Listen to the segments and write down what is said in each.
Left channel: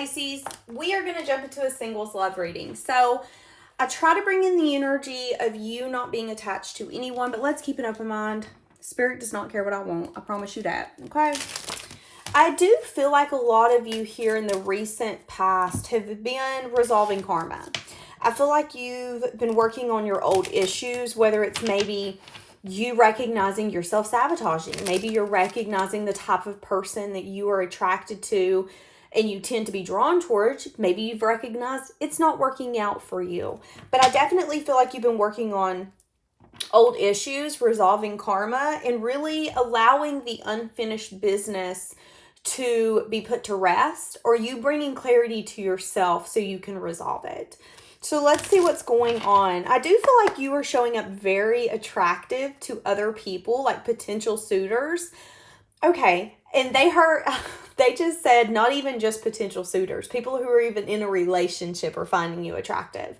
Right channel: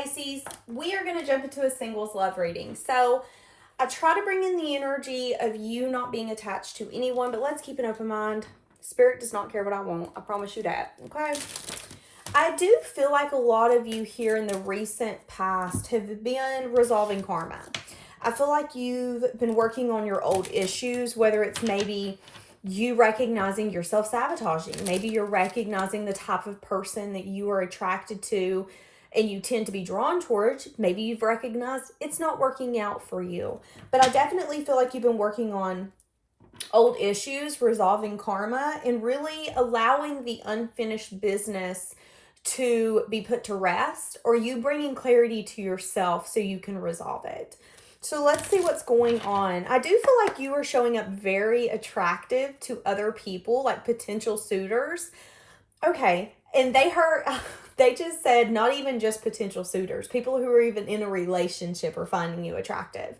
Pisces, we are going to jump into a singles love reading. So I try to bring in the energy of you not being attached to anyone, but let's keep an open mind. Spirit does not care what I want. I promise you that. Okay. I do feel like a lot of you here in the recent past have been resolving karma. I feel like you've been working on your old issues, whether it's maybe you recognizing you're self-sabotaging. Maybe you're recognizing the type of person that you are attracted to and you tend to be drawn towards. Maybe you've recognized it's not working out for you. But I definitely feel like you've been working on old issues, resolving karma, and really allowing the unfinished business to be put to rest, or you bringing clarity to yourself so you can resolve it. So let's see what's going on. I do feel like you are showing up very attractive to other people, like potential suitors. Okay, and they just said not even just potential suitors. People who are even in a relationship are finding you attractive.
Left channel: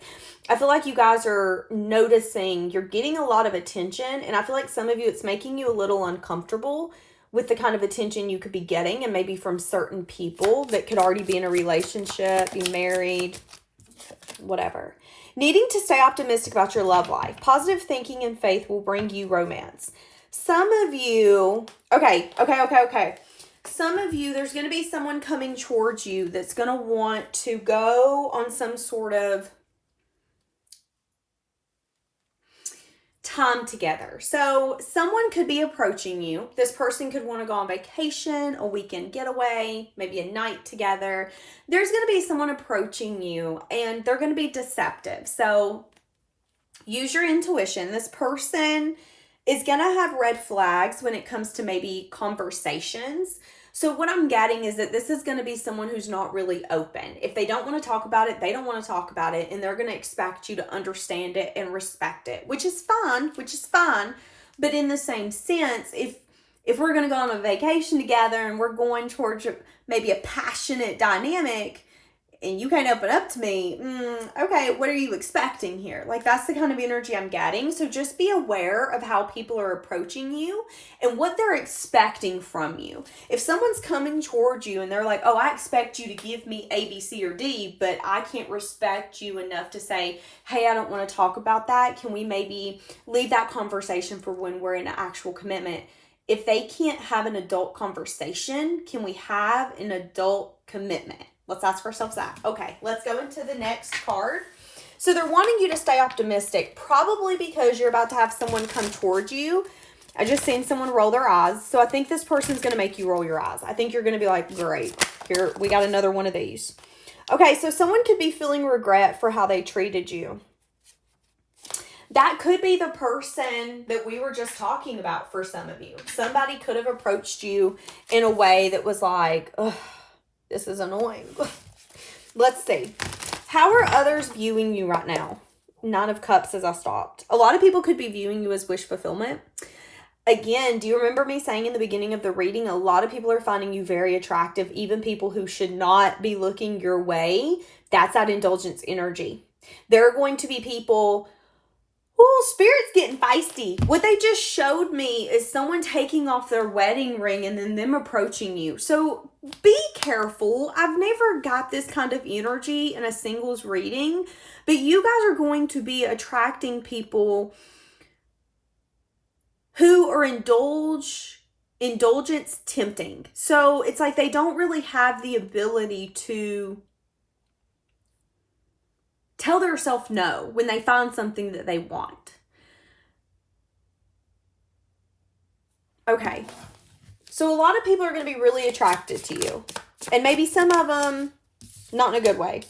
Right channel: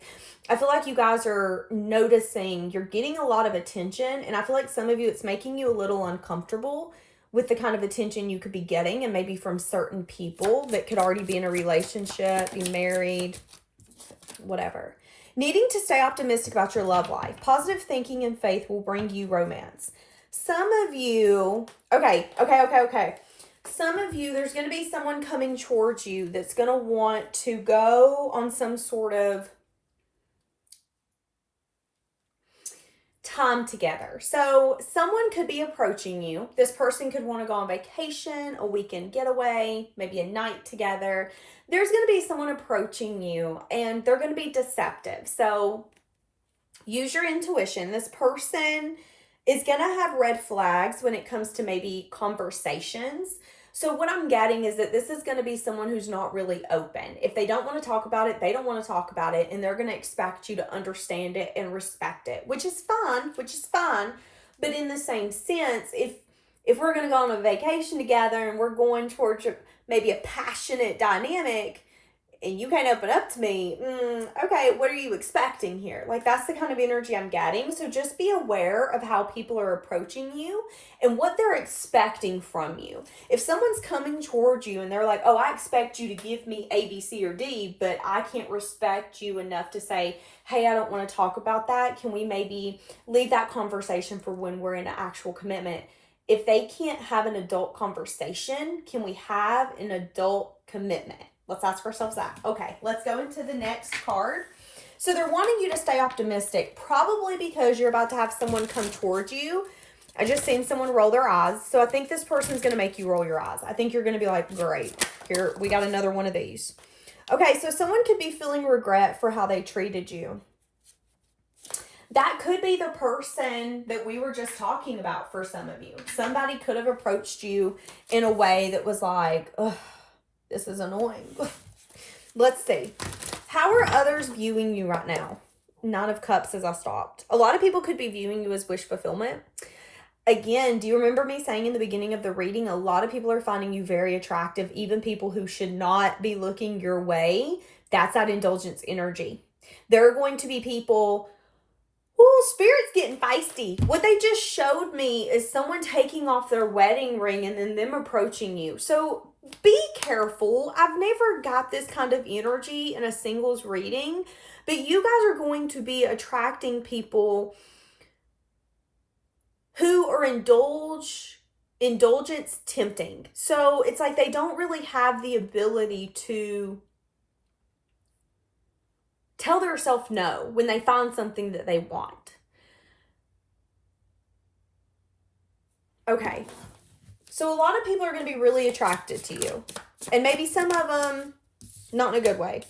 I feel like you guys are noticing you're getting a lot of attention, and I feel like some of you, it's making you a little uncomfortable with the kind of attention you could be getting, and maybe from certain people that could already be in a relationship, be married, whatever. Needing to stay optimistic about your love life. Positive thinking and faith will bring you romance. Some of you, okay. Some of you, there's going to be someone coming towards you that's going to want to go on some sort of time together. So someone could be approaching you. This person could want to go on vacation, a weekend getaway, maybe a night together. There's going to be someone approaching you and they're going to be deceptive. So use your intuition. This person is going to have red flags when it comes to maybe conversations. So what I'm getting is that this is going to be someone who's not really open. If they don't want to talk about it, they don't want to talk about it, and they're going to expect you to understand it and respect it, which is fine. But in the same sense, if we're going to go on a vacation together and we're going towards maybe a passionate dynamic, and you can't open up to me, okay, what are you expecting here? Like, that's the kind of energy I'm getting. So just be aware of how people are approaching you and what they're expecting from you. If someone's coming towards you and they're like, oh, I expect you to give me A, B, C, or D, but I can't respect you enough to say, hey, I don't want to talk about that. Can we maybe leave that conversation for when we're in an actual commitment? If they can't have an adult conversation, can we have an adult commitment? Let's ask ourselves that. Okay, let's go into the next card. So they're wanting you to stay optimistic, probably because you're about to have someone come towards you. I just seen someone roll their eyes. So I think this person's going to make you roll your eyes. I think you're going to be like, great, here, we got another one of these. Okay, so someone could be feeling regret for how they treated you. That could be the person that we were just talking about for some of you. Somebody could have approached you in a way that was like, ugh, this is annoying. Let's see. How are others viewing you right now? Nine of Cups as I stopped. A lot of people could be viewing you as wish fulfillment. Again, do you remember me saying in the beginning of the reading, a lot of people are finding you very attractive, even people who should not be looking your way. That's that indulgence energy. There are going to be people... Oh, Spirit's getting feisty. What they just showed me is someone taking off their wedding ring and then them approaching you. So be careful. I've never got this kind of energy in a singles reading, but you guys are going to be attracting people who are indulgence tempting. So it's like they don't really have the ability to tell themselves no when they find something that they want. Okay. So a lot of people are going to be really attracted to you. And maybe some of them not in a good way.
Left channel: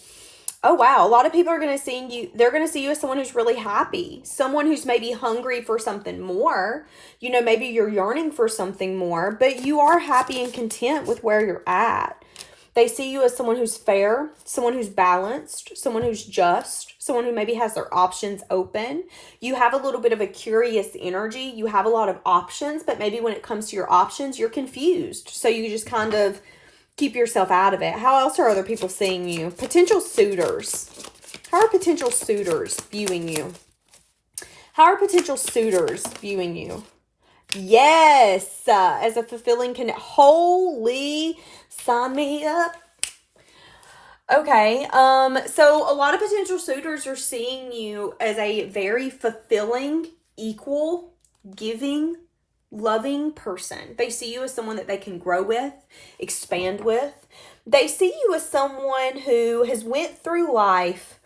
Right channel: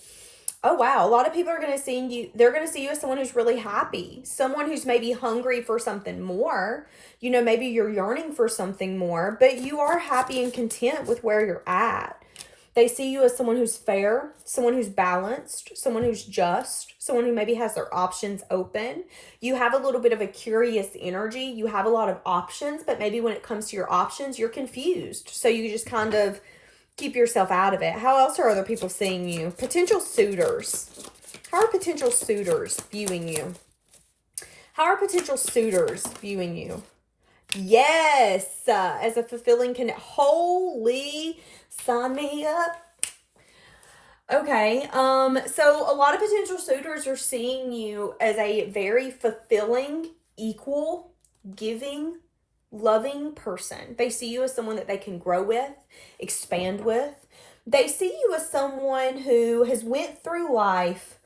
Oh, wow. A lot of people are going to see you. They're going to see you as someone who's really happy. Someone who's maybe hungry for something more. You know, maybe you're yearning for something more, but you are happy and content with where you're at. They see you as someone who's fair, someone who's balanced, someone who's just, someone who maybe has their options open. You have a little bit of a curious energy. You have a lot of options, but maybe when it comes to your options, you're confused. So you just kind of keep yourself out of it. How else are other people seeing you? Potential suitors. How are potential suitors viewing you? How are potential suitors viewing you? Yes, as a fulfilling Holy, sign me up. Okay. So a lot of potential suitors are seeing you as a very fulfilling, equal, giving, loving person. They see you as someone that they can grow with, expand with. They see you as someone who has went through life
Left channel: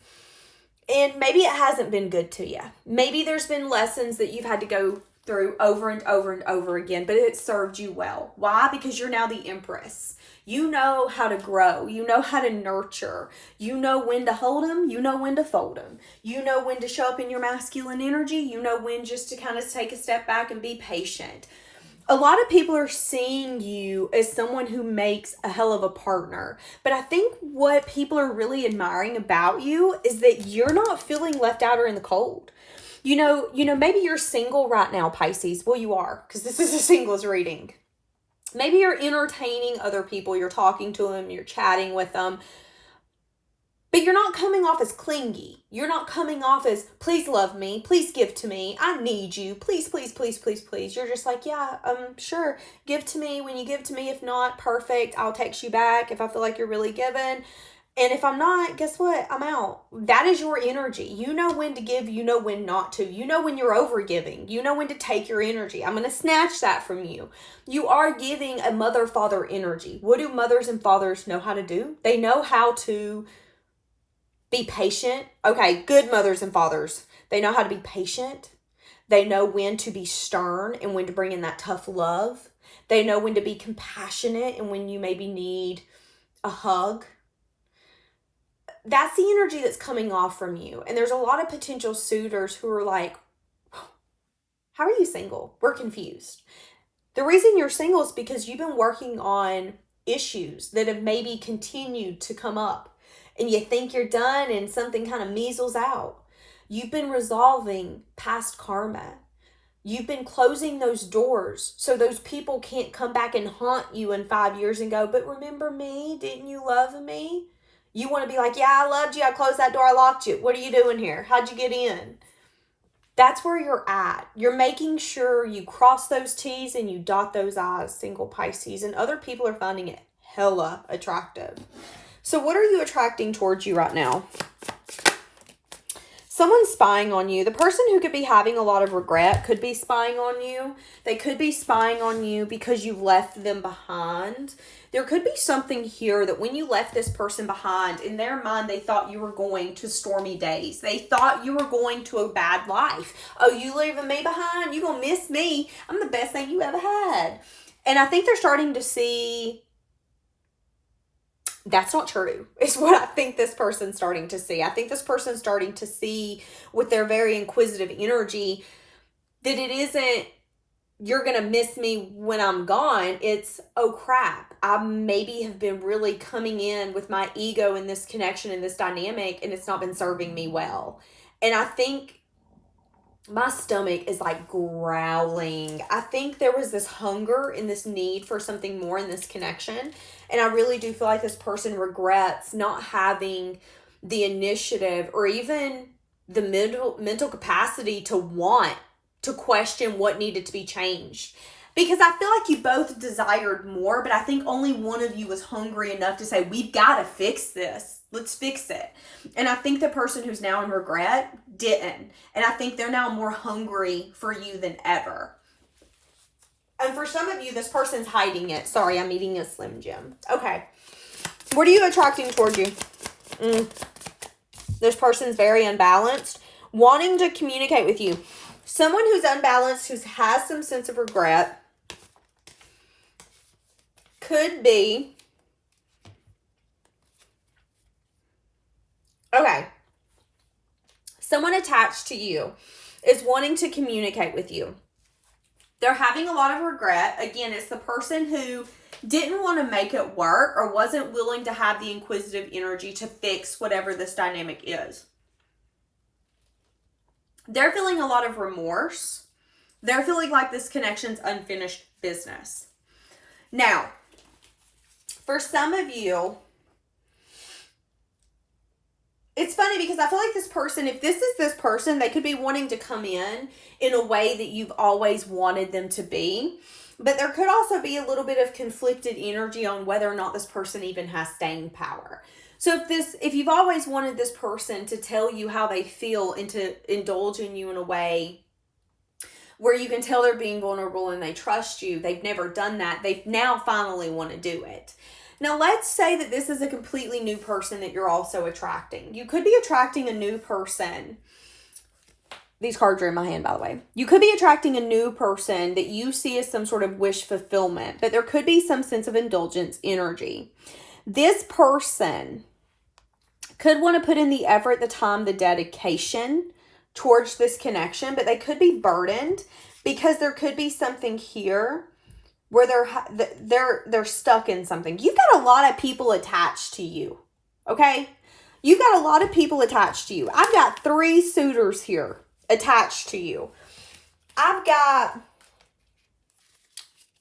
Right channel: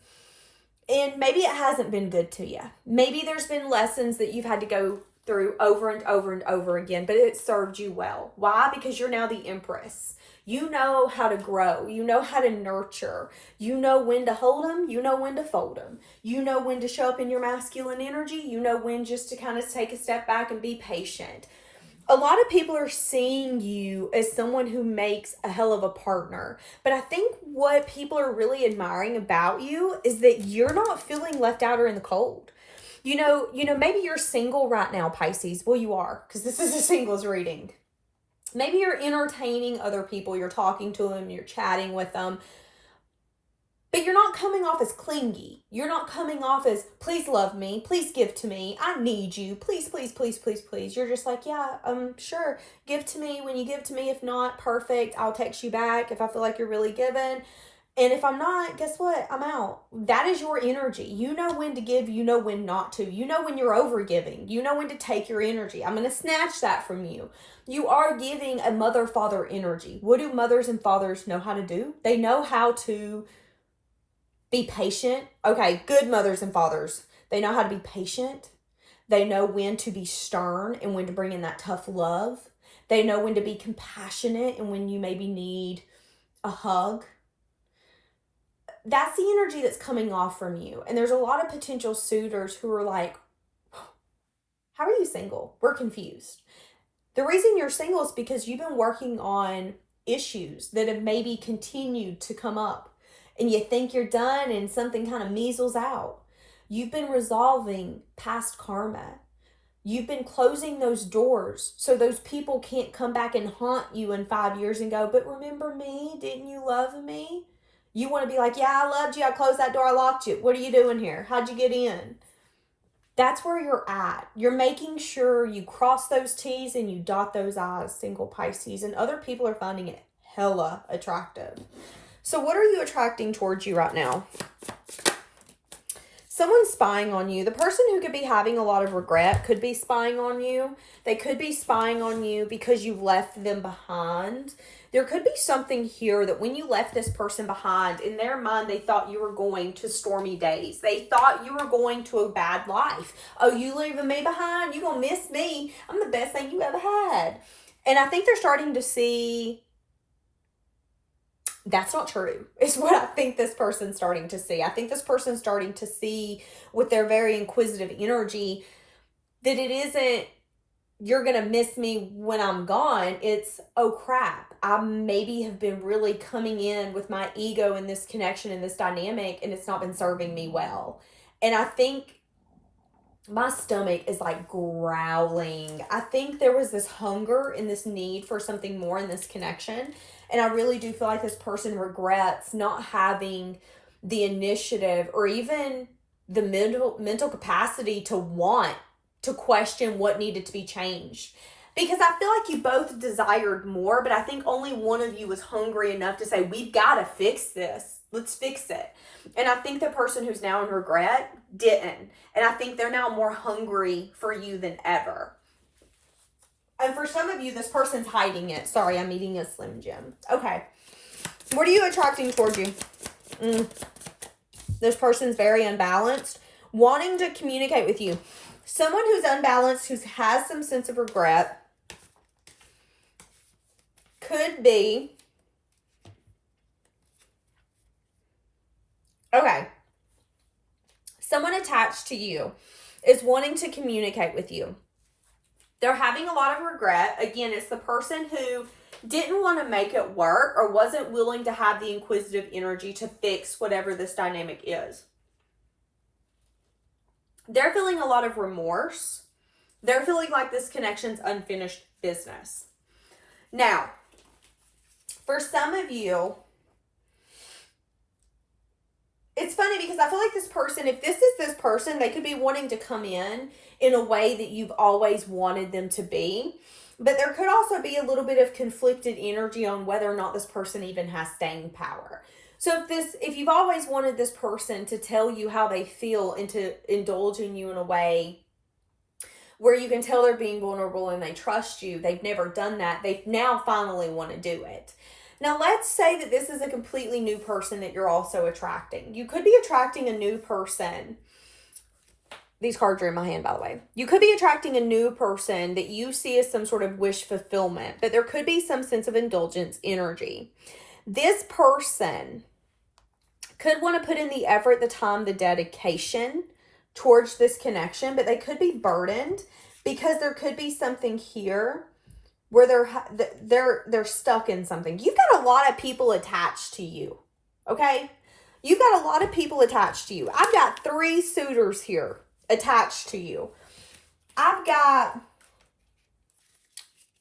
and maybe it hasn't been good to you. Maybe there's been lessons that you've had to go through over and over and over again, but it served you well. Why? Because you're now the empress. You know how to grow. You know how to nurture. You know when to hold them. You know when to fold them. You know when to show up in your masculine energy. You know when just to kind of take a step back and be patient. A lot of people are seeing you as someone who makes a hell of a partner. But I think what people are really admiring about you is that you're not feeling left out or in the cold. Maybe you're single right now, Pisces. Well, you are, because this is a singles reading. Maybe you're entertaining other people. You're talking to them. You're chatting with them. But you're not coming off as clingy. You're not coming off as, please love me. Please give to me. I need you. Please, please, please, please, please. You're just like, yeah, sure. Give to me when you give to me. If not, perfect. I'll text you back if I feel like you're really giving. And if I'm not, guess what? I'm out. That is your energy. You know when to give. You know when not to. You know when you're over giving. You know when to take your energy. I'm going to snatch that from you. You are giving a mother-father energy. What do mothers and fathers know how to do? They know how to be patient. Okay, good mothers and fathers. They know how to be patient. They know when to be stern and when to bring in that tough love. They know when to be compassionate and when you maybe need a hug. That's the energy that's coming off from you. And there's a lot of potential suitors who are like, how are you single? We're confused. The reason you're single is because you've been working on issues that have maybe continued to come up. And you think you're done and something kind of measles out. You've been resolving past karma. You've been closing those doors so those people can't come back and haunt you in 5 years and go, but remember me? Didn't you love me? You want to be like, yeah, I loved you. I closed that door. I locked you. What are you doing here? How'd you get in? That's where you're at. You're making sure you cross those T's and you dot those I's, single Pisces. And other people are finding it hella attractive. So what are you attracting towards you right now? Someone's spying on you. The person who could be having a lot of regret could be spying on you. They could be spying on you because you've left them behind. There could be something here that when you left this person behind, in their mind, they thought you were going to stormy days. They thought you were going to a bad life. Oh, you leaving me behind? You gonna miss me? I'm the best thing you ever had. And I think they're starting to see that's not true. It's what I think this person's starting to see. I think this person's starting to see with their very inquisitive energy that it isn't, you're going to miss me when I'm gone. It's, oh crap, I maybe have been really coming in with my ego in this connection, in this dynamic, and it's not been serving me well. And I think my stomach is like growling. I think there was this hunger and this need for something more in this connection. And I really do feel like this person regrets not having the initiative or even the mental capacity to want to question what needed to be changed. Because I feel like you both desired more, but I think only one of you was hungry enough to say, we've got to fix this. Let's fix it. And I think the person who's now in regret didn't. And I think they're now more hungry for you than ever. And for some of you, this person's hiding it. Sorry, I'm eating a Slim Jim. Okay. What are you attracting toward you? This person's very unbalanced, wanting to communicate with you. Someone who's unbalanced, who has some sense of regret, could be, okay, someone attached to you is wanting to communicate with you. They're having a lot of regret. Again, it's the person who didn't want to make it work or wasn't willing to have the inquisitive energy to fix whatever this dynamic is. They're feeling a lot of remorse. They're feeling like this connection's unfinished business. Now, for some of you, it's funny because I feel like this person, if this is this person, they could be wanting to come in a way that you've always wanted them to be. But there could also be a little bit of conflicted energy on whether or not this person even has staying power. So if you've always wanted this person to tell you how they feel and to indulge in you in a way where you can tell they're being vulnerable and they trust you, they've never done that. They now finally want to do it. Now, let's say that this is a completely new person that you're also attracting. You could be attracting a new person. These cards are in my hand, by the way. You could be attracting a new person that you see as some sort of wish fulfillment, but there could be some sense of indulgence energy. This person could want to put in the effort, the time, the dedication towards this connection, but they could be burdened because there could be something here where they're stuck in something. You've got a lot of people attached to you, okay? You've got a lot of people attached to you. I've got 3 suitors here attached to you. I've got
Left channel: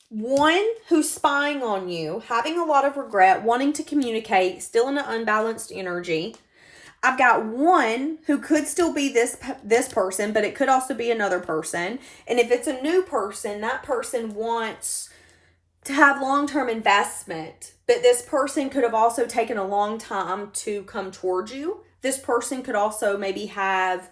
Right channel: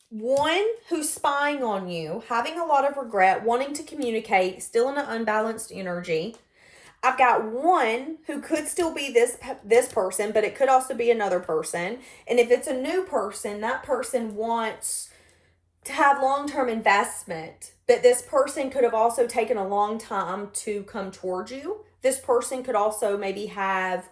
one who's spying on you, having a lot of regret, wanting to communicate, still in an unbalanced energy. I've got one who could still be this person, but it could also be another person. And if it's a new person, that person wants to have long-term investment, but this person could have also taken a long time to come towards you. This person could also maybe have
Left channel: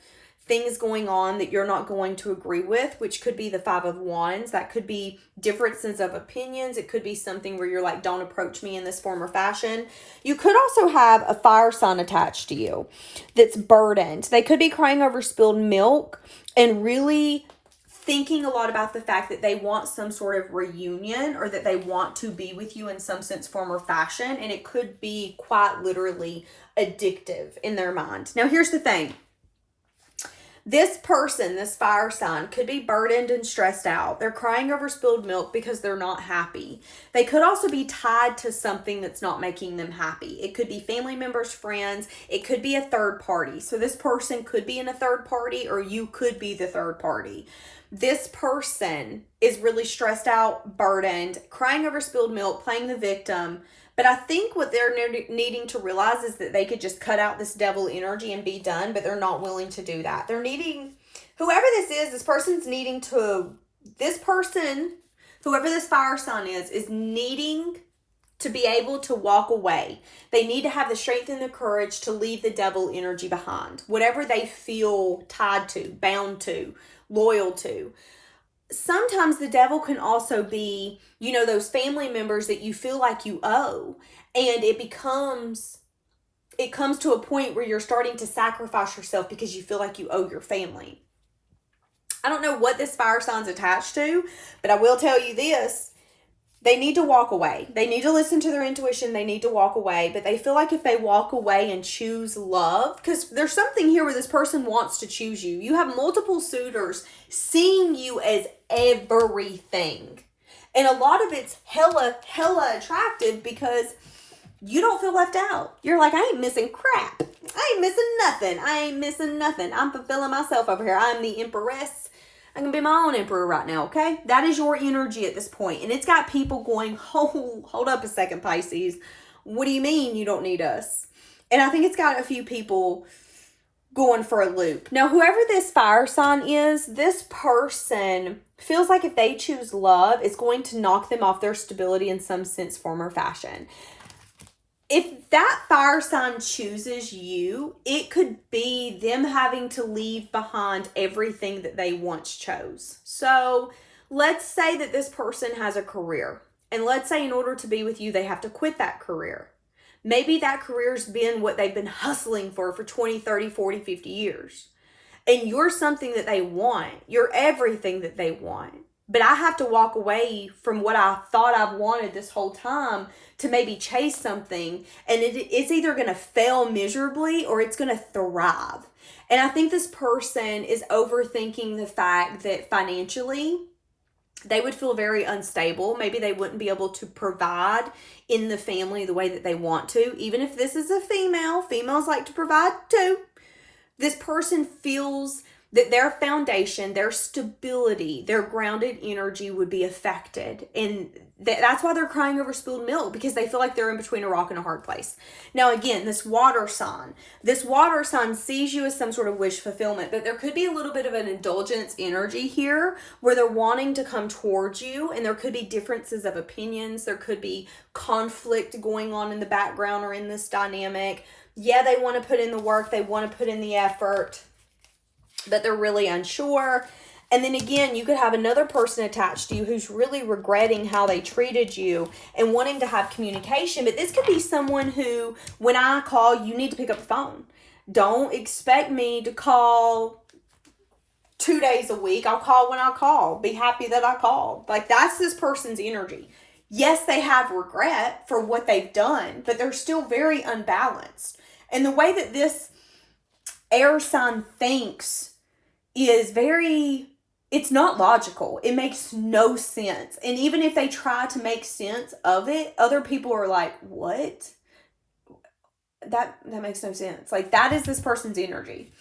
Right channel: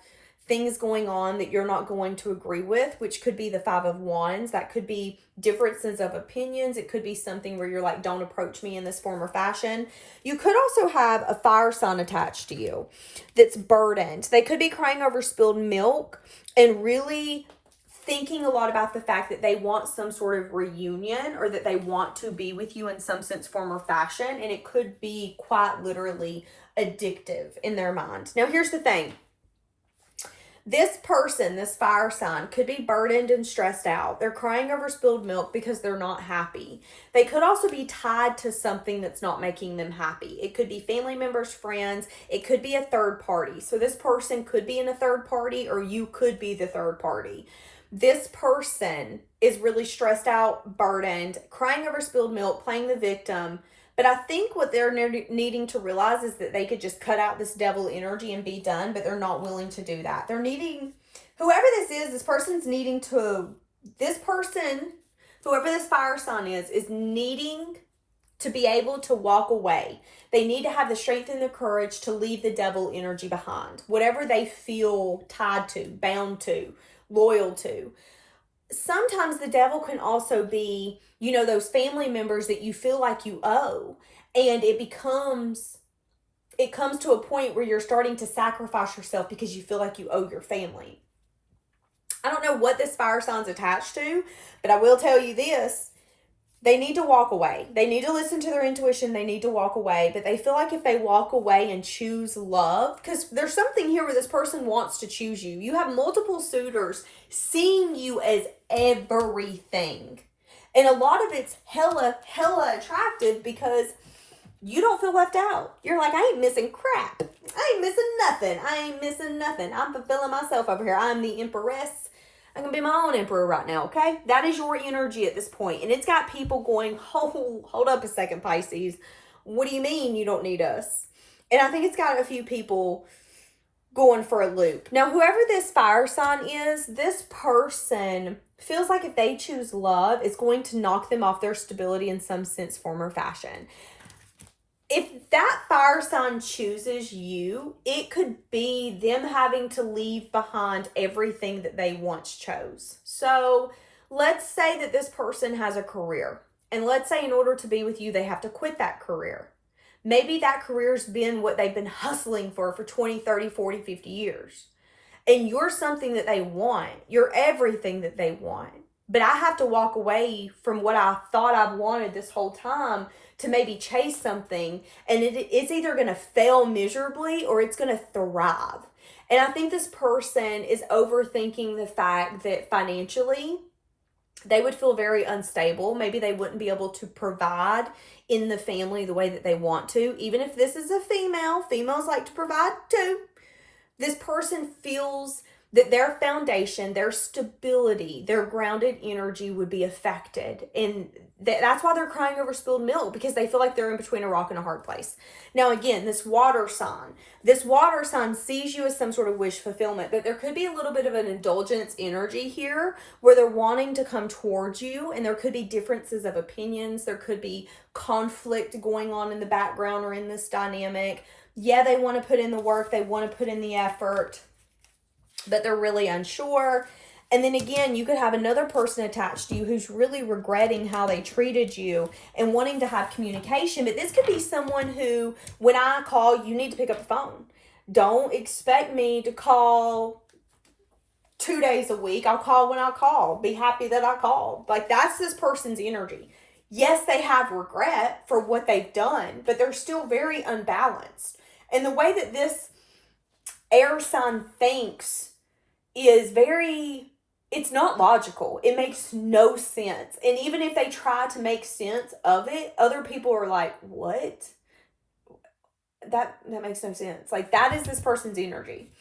things going on that you're not going to agree with, which could be the 5 of Wands. That could be differences of opinions. It could be something where you're like, don't approach me in this form or fashion. You could also have a fire sign attached to you that's burdened. They could be crying over spilled milk and really thinking a lot about the fact that they want some sort of reunion or that they want to be with you in some sense, form, or fashion. And it could be quite literally addictive in their mind. Now, here's the thing. This person, this fire sign, could be burdened and stressed out. They're crying over spilled milk because they're not happy. They could also be tied to something that's not making them happy. It could be family members, friends. It could be a third party. So this person could be in a third party, or you could be the third party. This person is really stressed out, burdened, crying over spilled milk, playing the victim. But I think what they're needing to realize is that they could just cut out this devil energy and be done, but they're not willing to do that. They're needing, whoever this person's needing to, this person, whoever this fire sign is needing to be able to walk away. They need to have the strength and the courage to leave the devil energy behind. Whatever they feel tied to, bound to, loyal to. Sometimes the devil can also be, those family members that you feel like you owe. And it comes to a point where you're starting to sacrifice yourself because you feel like you owe your family. I don't know what this fire sign's attached to, but I will tell you this. They need to walk away. They need to listen to their intuition. They need to walk away. But they feel like if they walk away and choose love, because there's something here where this person wants to choose you. You have multiple suitors seeing you as everything. And a lot of it's hella attractive because you don't feel left out. You're like, I ain't missing crap. I ain't missing nothing. I'm fulfilling myself over here. I'm the empress. I can be my own emperor right now, okay? That is your energy at this point. And it's got people going, hold up a second, Pisces. What do you mean you don't need us? And I think it's got a few people going for a loop. Now, whoever this fire sign is, this person feels like if they choose love, it's going to knock them off their stability in some sense, form, or fashion. If that fire sign chooses you, it could be them having to leave behind everything that they once chose. So let's say that this person has a career. And let's say in order to be with you, they have to quit that career. Maybe that career's been what they've been hustling for 20, 30, 40, 50 years. And you're something that they want. You're everything that they want. But I have to walk away from what I thought I've wanted this whole time to maybe chase something, and it's either going to fail miserably or it's going to thrive. And I think this person is overthinking the fact that financially they would feel very unstable. Maybe they wouldn't be able to provide in the family the way that they want to. Even if this is a female, females like to provide too. This person feels that their foundation, their stability, their grounded energy would be affected. And that's why they're crying over spilled milk, because they feel like they're in between a rock and a hard place. Now, again, this water sign sees you as some sort of wish fulfillment, but there could be a little bit of an indulgence energy here where they're wanting to come towards you, and there could be differences of opinions. There could be conflict going on in the background or in this dynamic. Yeah, they want to put in the work, they want to put in the effort, but they're really unsure. And then again, you could have another person attached to you who's really regretting how they treated you and wanting to have communication. But this could be someone who, when I call, you need to pick up the phone. Don't expect me to call 2 days a week. I'll call when I call. Be happy that I called. Like, that's this person's energy. Yes, they have regret for what they've done, but they're still very unbalanced. And the way that this air sign thinks is it's not logical. It makes no sense. And even if they try to make sense of it, other people are like, what? That makes no sense. Like, that is this person's energy.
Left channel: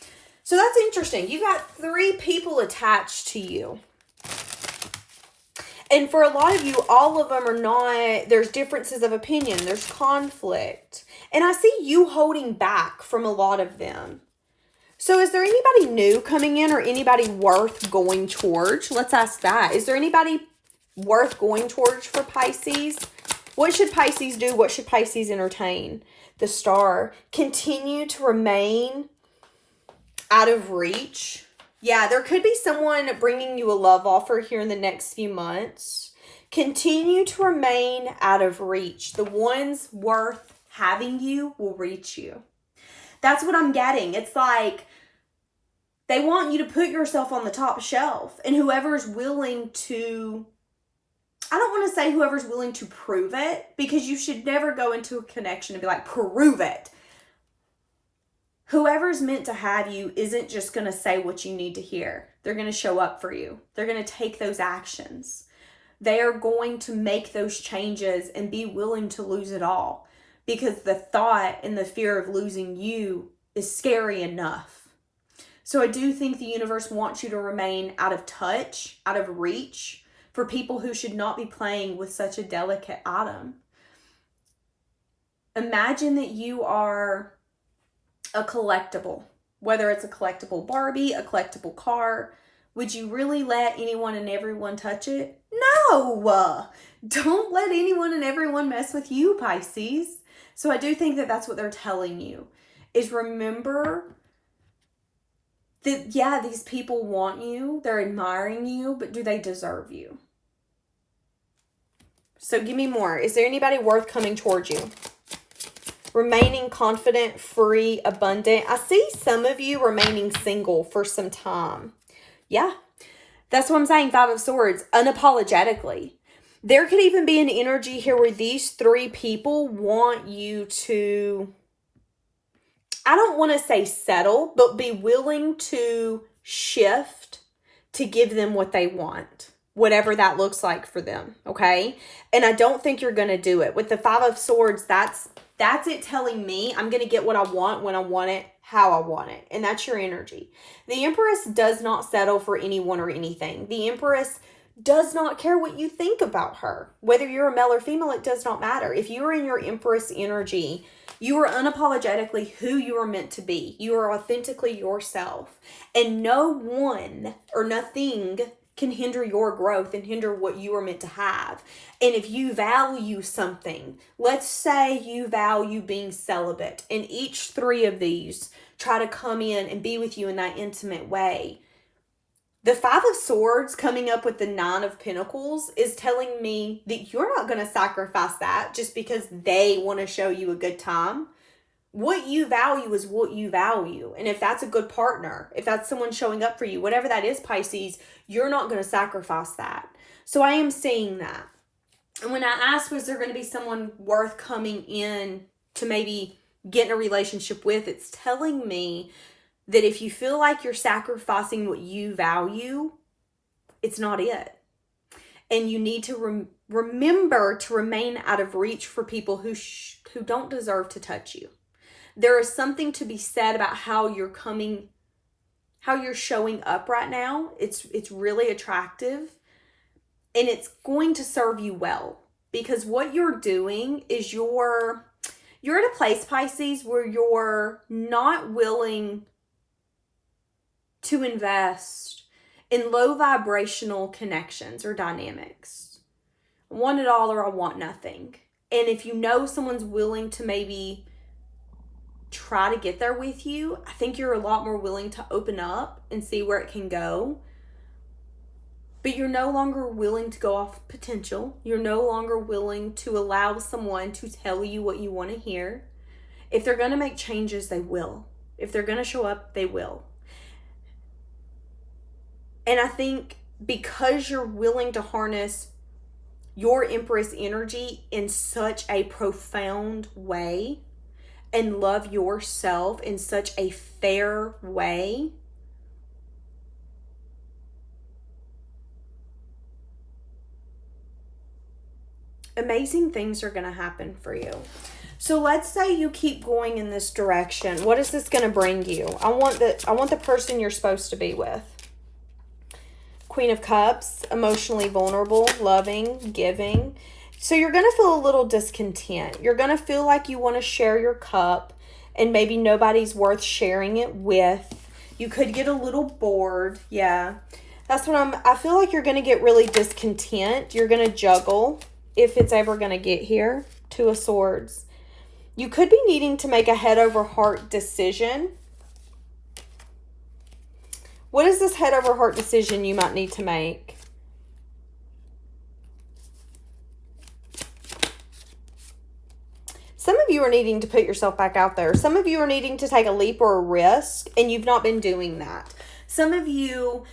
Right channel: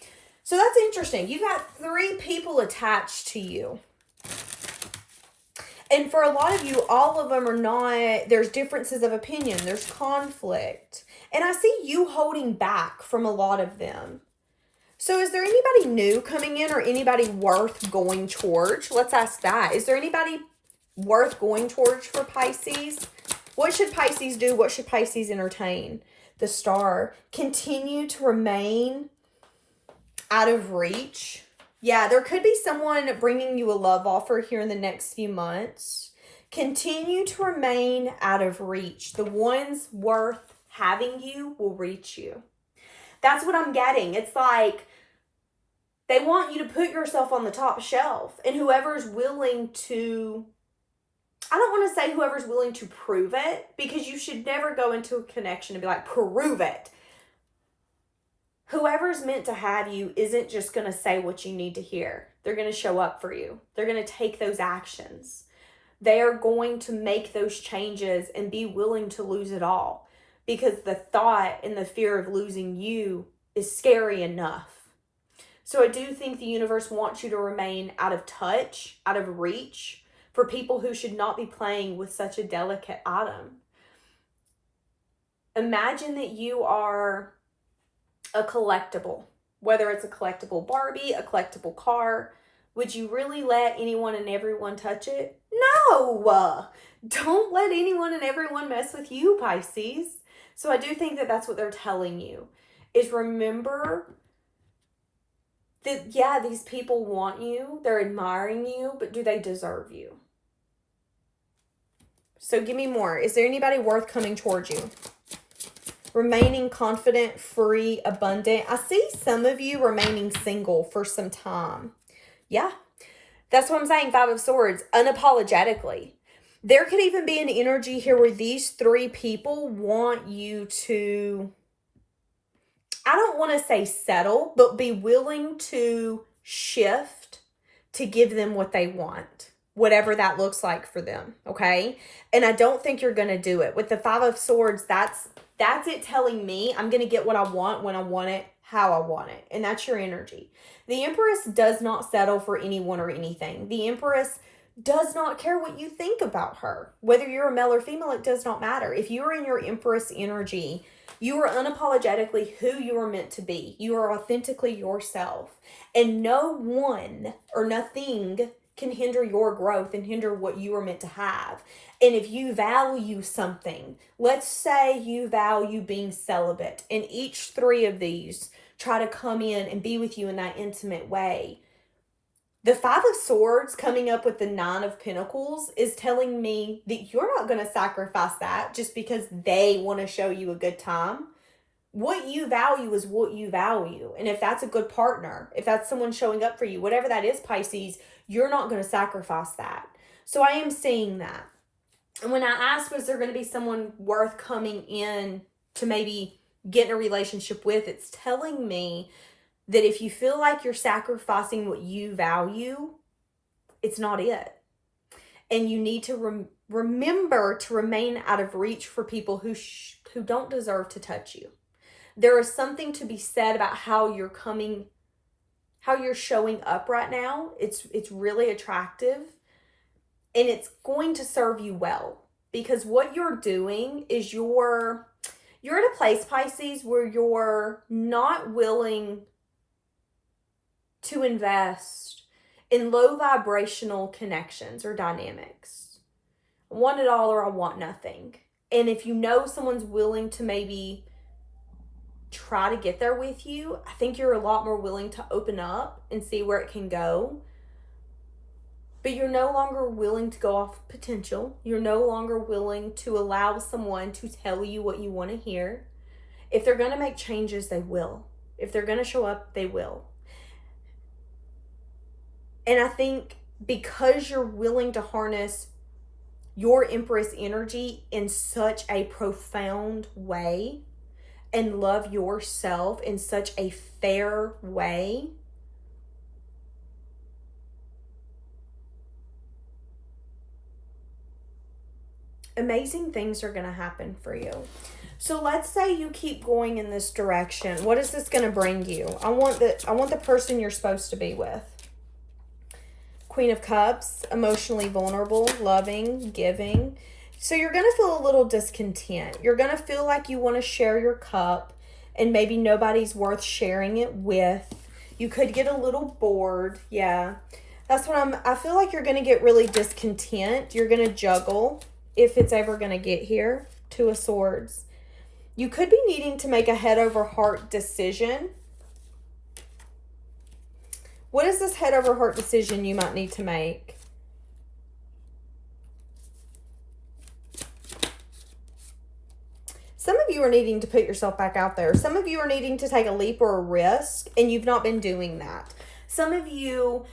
So that's interesting. You got 3 people attached to you. And for a lot of you, all of them are not, there's differences of opinion, there's conflict. And I see you holding back from a lot of them. So is there anybody new coming in or anybody worth going towards? Let's ask that. Is there anybody worth going towards for Pisces? What should Pisces do? What should Pisces entertain? The Star. Continue to remain out of reach. Yeah, there could be someone bringing you a love offer here in the next few months. Continue to remain out of reach. The ones worth having you will reach you. That's what I'm getting. It's like they want you to put yourself on the top shelf, and whoever's willing to, I don't want to say whoever's willing to prove it, because you should never go into a connection and be like, prove it. Whoever's meant to have you isn't just going to say what you need to hear. They're going to show up for you. They're going to take those actions. They are going to make those changes and be willing to lose it all, because the thought and the fear of losing you is scary enough. So I do think the universe wants you to remain out of touch, out of reach, for people who should not be playing with such a delicate item. Imagine that you are a collectible, whether it's a collectible Barbie, a collectible car. Would you really let anyone and everyone touch it? No! Don't let anyone and everyone mess with you, Pisces. So I do think that that's what they're telling you, is remember that, yeah, these people want you, they're admiring you, but do they deserve you? So give me more. Is there anybody worth coming towards you? Remaining confident, free, abundant. I see some of you remaining single for some time. Yeah, that's what I'm saying. 5 of Swords, unapologetically. There could even be an energy here where these 3 people want you to, I don't want to say settle, but be willing to shift to give them what they want, whatever that looks like for them, okay? And I don't think you're going to do it. With the 5 of Swords, that's it telling me I'm going to get what I want when I want it, how I want it. And that's your energy. The Empress does not settle for anyone or anything. The Empress does not care what you think about her. Whether you're a male or female, it does not matter. If you are in your Empress energy, you are unapologetically who you are meant to be. You are authentically yourself. And no one or nothing can hinder your growth and hinder what you are meant to have. And if you value something, let's say you value being celibate, and each 3 of these try to come in and be with you in that intimate way. The 5 of Swords coming up with the 9 of Pentacles is telling me that you're not going to sacrifice that just because they want to show you a good time. What you value is what you value. And if that's a good partner, if that's someone showing up for you, whatever that is, Pisces, you're not going to sacrifice that. So I am seeing that. And when I asked, was there going to be someone worth coming in to maybe get in a relationship with, it's telling me that if you feel like you're sacrificing what you value, it's not it. And you need to remember to remain out of reach for people who don't deserve to touch you. There is something to be said about how you're coming how you're showing up right now. It's really attractive, and it's going to serve you well, because what you're doing is you're at a place, Pisces, where you're not willing to invest in low vibrational connections or dynamics. I want it all or I want nothing. And if you know someone's willing to maybe try to get there with you, I think you're a lot more willing to open up and see where it can go. But you're no longer willing to go off potential. You're no longer willing to allow someone to tell you what you want to hear. If they're going to make changes, they will. If they're going to show up, they will. And I think because you're willing to harness your Empress energy in such a profound way and love yourself in such a fair way, amazing things are going to happen for you. So let's say you keep going in this direction. What is this going to bring you? I want the person you're supposed to be with. Queen of Cups, emotionally vulnerable, loving, giving. So you're going to feel a little discontent. You're going to feel like you want to share your cup and maybe nobody's worth sharing it with. You could get a little bored. Yeah. That's what I feel like you're going to get really discontent. You're going to juggle if it's ever going to get here. Two of Swords. You could be needing to make a head over heart decision. What is this head over heart decision you might need to make? Some of you are needing to put yourself back out there. Some of you are needing to take a leap or a risk, and you've not been doing that. Some of you,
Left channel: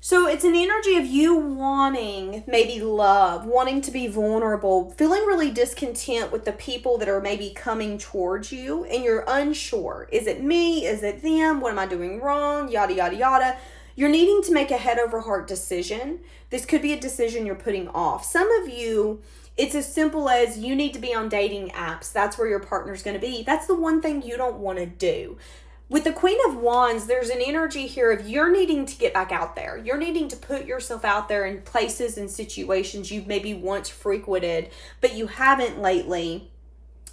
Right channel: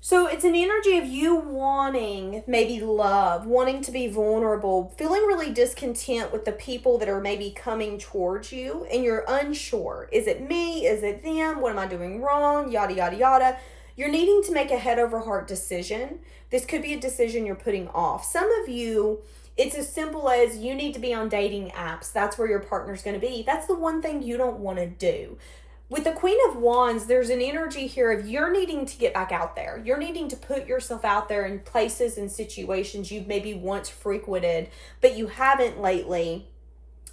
so it's an energy of you wanting maybe love, wanting to be vulnerable, feeling really discontent with the people that are maybe coming towards you, and you're unsure. Is it me? Is it them? What am I doing wrong? Yada, yada, yada. You're needing to make a head over heart decision. This could be a decision you're putting off. Some of you, it's as simple as you need to be on dating apps. That's where your partner's going to be. That's the one thing you don't want to do. With the Queen of Wands, there's an energy here of you're needing to get back out there. You're needing to put yourself out there in places and situations you've maybe once frequented, but you haven't lately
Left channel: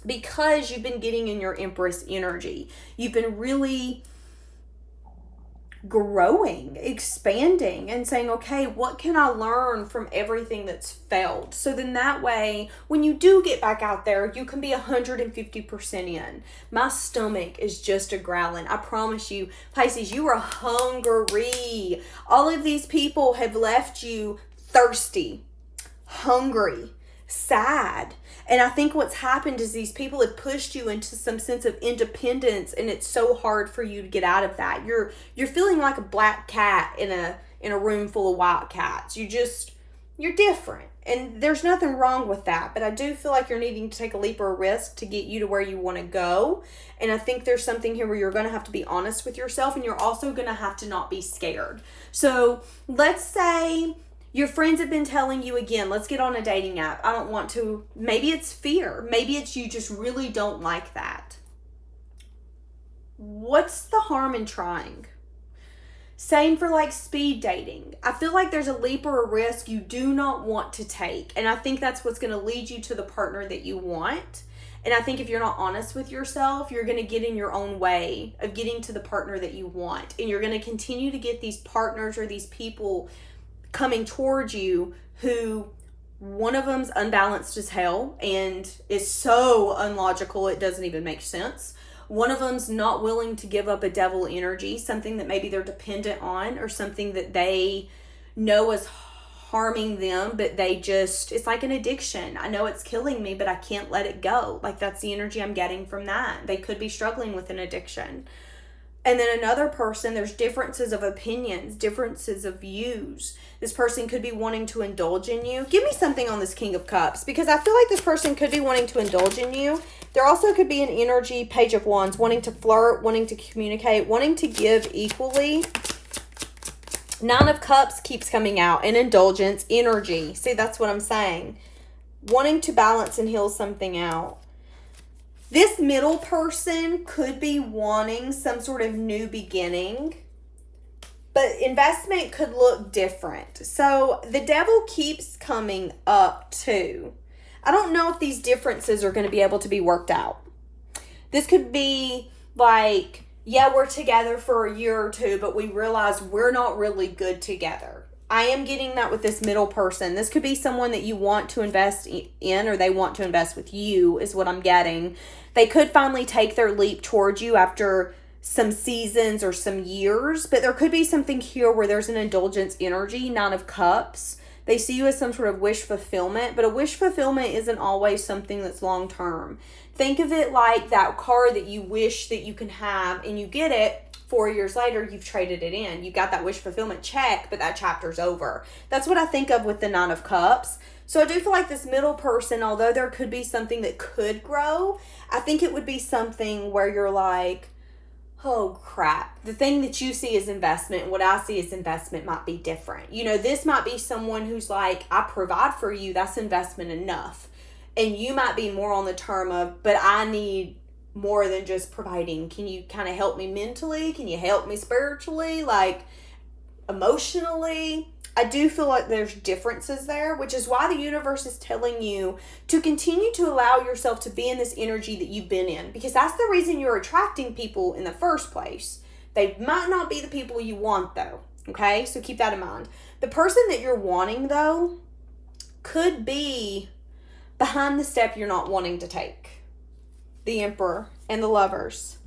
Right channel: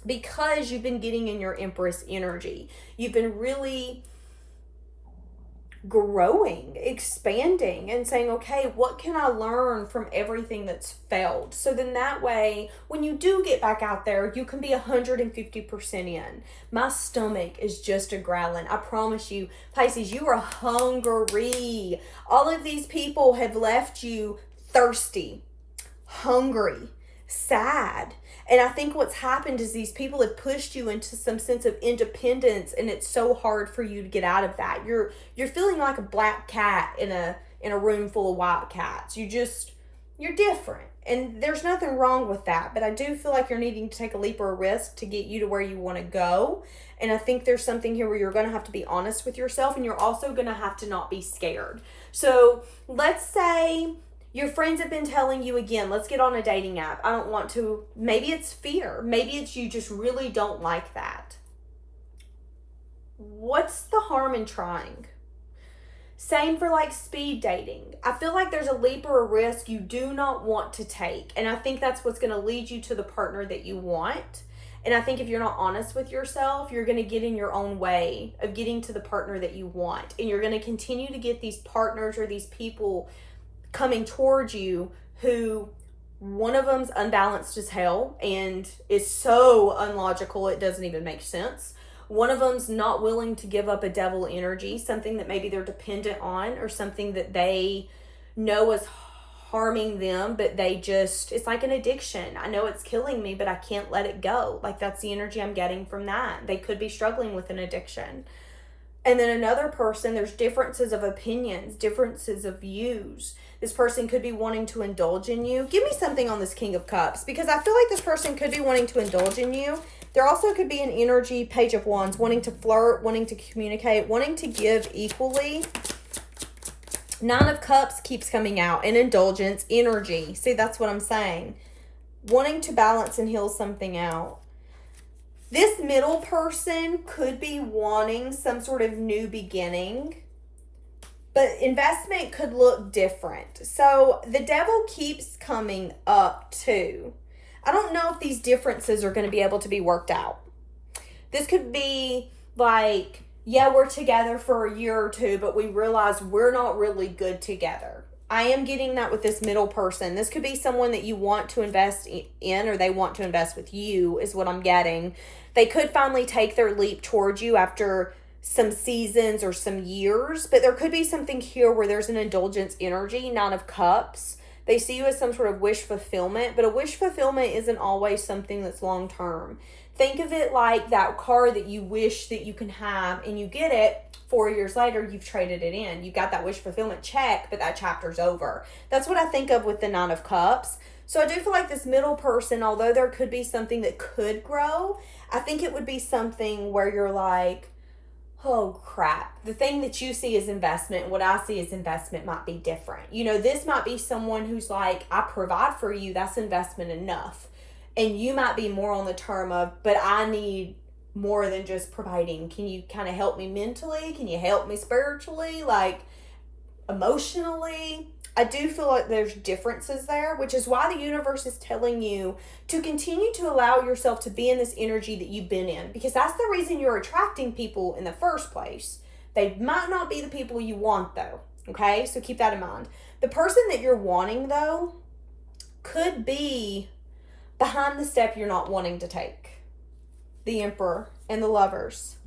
because you've been getting in your Empress energy. You've been really growing, expanding, and saying, okay, what can I learn from everything that's felt? So then that way, when you do get back out there, you can be 150% in. My stomach is just a growling. I promise you, Pisces, you are hungry. All of these people have left you thirsty, hungry, sad. And I think what's happened is these people have pushed you into some sense of independence, and it's so hard for you to get out of that. You're feeling like a black cat in a room full of white cats. You're different. And there's nothing wrong with that, but I do feel like you're needing to take a leap or a risk to get you to where you want to go. And I think there's something here where you're going to have to be honest with yourself, and you're also going to have to not be scared. So let's say your friends have been telling you, again, let's get on a dating app. I don't want to. Maybe it's fear. Maybe it's you just really don't like that. What's the harm in trying? Same for like speed dating. I feel like there's a leap or a risk you do not want to take. And I think that's what's going to lead you to the partner that you want. And I think if you're not honest with yourself, you're going to get in your own way of getting to the partner that you want. And you're going to continue to get these partners or these people coming towards you who one of them's unbalanced as hell and is so unlogical it doesn't even make sense. One of them's not willing to give up a devil energy, something that maybe they're dependent on or something that they know is harming them, but it's like an addiction. I know it's killing me, but I can't let it go. Like, that's the energy I'm getting from that. They could be struggling with an addiction. And then another person, there's differences of opinions, differences of views. This person could be wanting to indulge in you. Give me something on this King of Cups, because I feel like this person could be wanting to indulge in you. There also could be an energy, Page of Wands, wanting to flirt, wanting to communicate, wanting to give equally. Nine of Cups keeps coming out, an indulgence, energy. See, that's what I'm saying. Wanting to balance and heal something out. This middle person could be wanting some sort of new beginning. But investment could look different. So the devil keeps coming up too. I don't know if these differences are going to be able to be worked out. This could be like, yeah, we're together for a year or two, but we realize we're not really good together. I am getting that with this middle person. This could be someone that you want to invest in, or they want to invest with you, is what I'm getting. They could finally take their leap towards you after some seasons or some years, but there could be something here where there's an indulgence energy, 9 of Cups. They see you as some sort of wish fulfillment, but a wish fulfillment isn't always something that's long term. Think of it like that car that you wish that you can have, and you get it 4 years later, you've traded it in. You got that wish fulfillment check, but that chapter's over. That's what I think of with the 9 of Cups. So I do feel like this middle person, although there could be something that could grow, I think it would be something where you're like, oh crap, the thing that you see as investment and what I see as investment might be different. You know, this might be someone who's like, I provide for you, that's investment enough. And you might be more on the term of, but I need more than just providing. Can you kind of help me mentally? Can you help me spiritually? Like emotionally? I do feel like there's differences there, which is why the universe is telling you to continue to allow yourself to be in this energy that you've been in, because that's the reason you're attracting people in the first place. They might not be the people you want though, okay? So keep that in mind. The person that you're wanting though could be behind the step you're not wanting to take. The Emperor and the Lovers.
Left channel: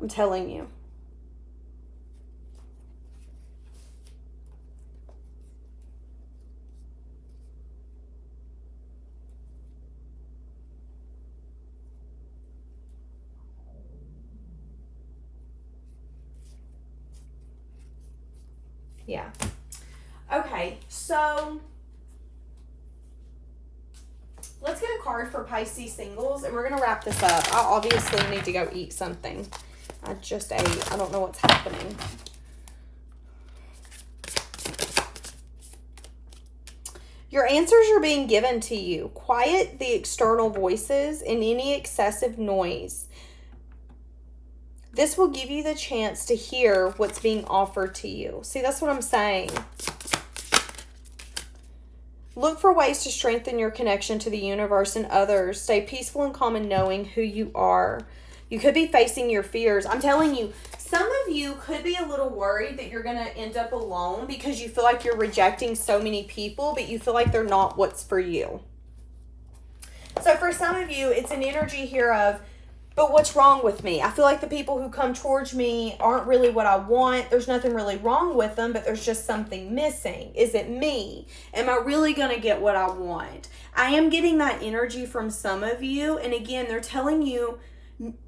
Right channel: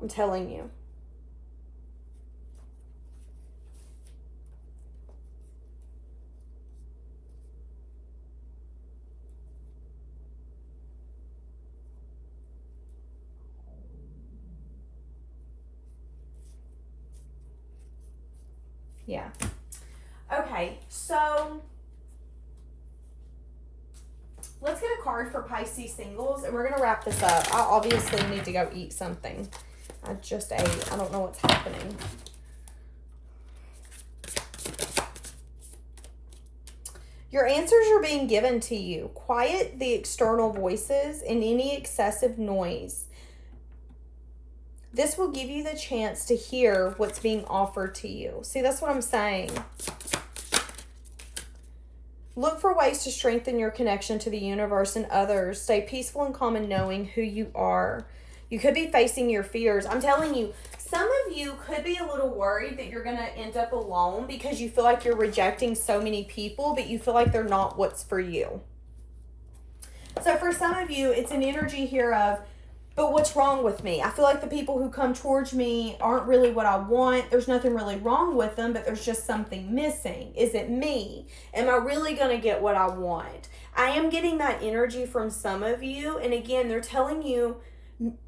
I'm telling you. Yeah. Okay, so let's get a card for Pisces singles, and we're going to wrap this up. I obviously need to go eat something. I just ate. I don't know what's happening. Your answers are being given to you. Quiet the external voices and any excessive noise. This will give you the chance to hear what's being offered to you. See, that's what I'm saying. Look for ways to strengthen your connection to the universe and others. Stay peaceful and calm in knowing who you are. You could be facing your fears. I'm telling you, some of you could be a little worried that you're going to end up alone because you feel like you're rejecting so many people, but you feel like they're not what's for you. So for some of you, it's an energy here of, but what's wrong with me? I feel like the people who come towards me aren't really what I want. There's nothing really wrong with them, but there's just something missing. Is it me? Am I really going to get what I want? I am getting that energy from some of you. And again, they're telling you,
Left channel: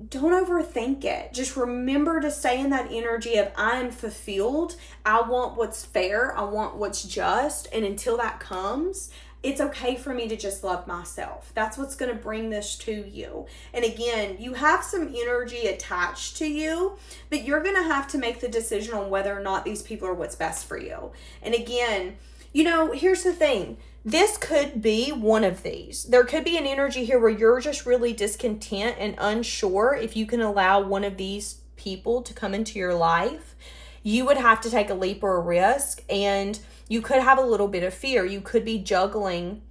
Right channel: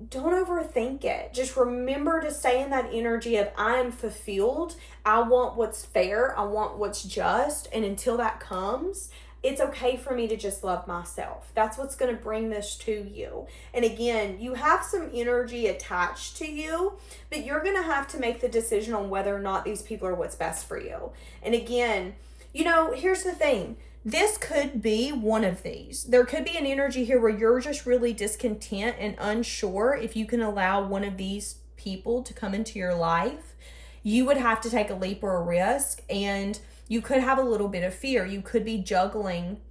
don't overthink it. Just remember to stay in that energy of I'm fulfilled. I want what's fair. I want what's just. And until that comes, it's okay for me to just love myself. That's what's going to bring this to you. And again, you have some energy attached to you, but you're going to have to make the decision on whether or not these people are what's best for you. And again, you know, here's the thing. This could be one of these. There could be an energy here where you're just really discontent and unsure if you can allow one of these people to come into your life. You would have to take a leap or a risk, and you could have a little bit of fear. You could be juggling,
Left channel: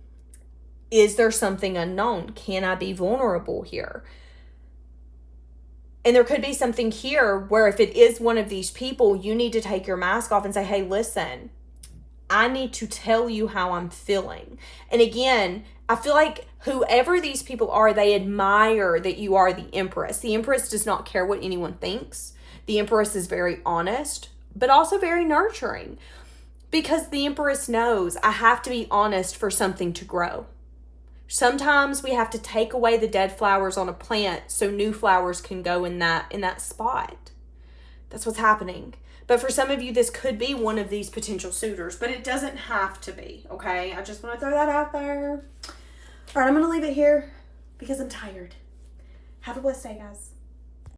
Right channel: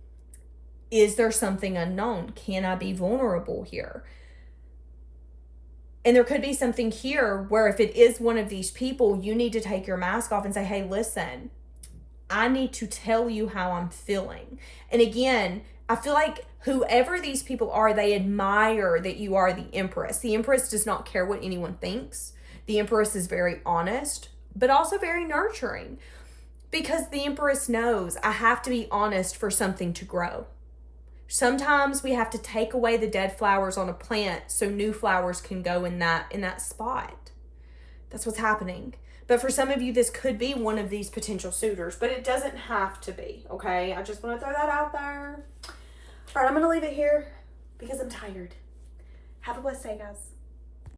is there something unknown? Can I be vulnerable here? And there could be something here where if it is one of these people, you need to take your mask off and say, hey, listen, I need to tell you how I'm feeling. And again, I feel like whoever these people are, they admire that you are the Empress. The Empress does not care what anyone thinks. The Empress is very honest, but also very nurturing. Because the Empress knows I have to be honest for something to grow. Sometimes we have to take away the dead flowers on a plant so new flowers can go in that spot. That's what's happening. But for some of you, this could be one of these potential suitors, but it doesn't have to be, okay? I just want to throw that out there. All right, I'm going to leave it here because I'm tired. Have a blessed day, guys.